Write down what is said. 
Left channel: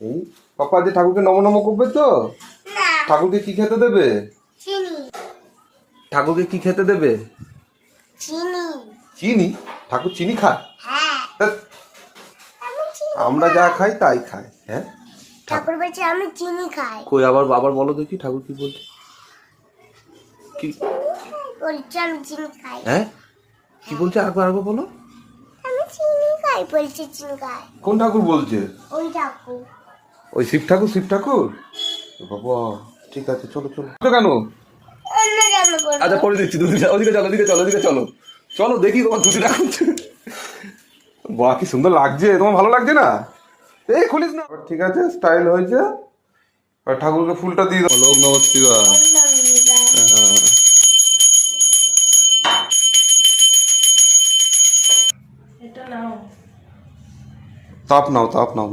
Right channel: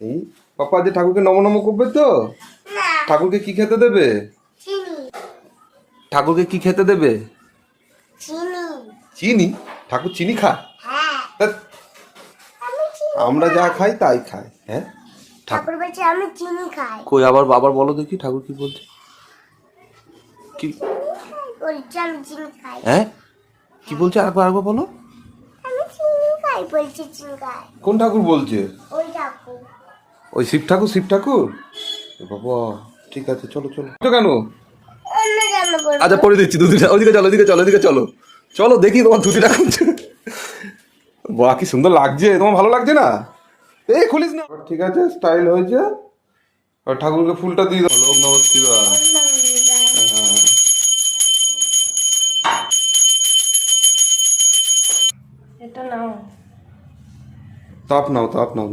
এই পাপা যে ঠাকুরকে নম নম করবে তো? ঠাকুরকে কি খেতে দেবে? ঠাকুরকে কি খেতে দেবে? চিনি? ঠাকুর চিনি খায়? ধ্যাৎ, আমরা যা খাই তাই খায়। হ্যাঁ, ঠাকুর বলছে আমি চিনি খাই। কই আবার আবার বলো দেখি ঠাকুর কি বলছে? কি বলছে আমি চিনি খাই। হ্যাঁ, কি বলছে? আরেকবার আরেকবার বলো। আমি চিনি খাই বলছে, চিনি খাই। কোন ঠাকুর বলছে? ওই ঠাকুর। ওই শিব ঠাকুর? শিব ঠাকুর? এ বাবা, ঠিক আছে, চলো চলো। তো কেন? অন্য কেন বলবো? আচ্ছা পরে দিচ্ছি ধুতিটা। ওইদিকে চলো, ওইদিকে চলো, ওইদিকে চলো। চলো দেখি তোমার ধুতিটা খুলছে। বাহ, কি সুন্দর লাগছে। তোমার ভালো লাগছে না? এই খুলিস না। ঠিক আছে, স্টাইল হয়েছে। আর ঠাকুরকে ফুলটা দিয়ে দাও। লোক নমস্কার। হ্যাঁ, এটা নাও। তাপ নাও, তাপ নাও।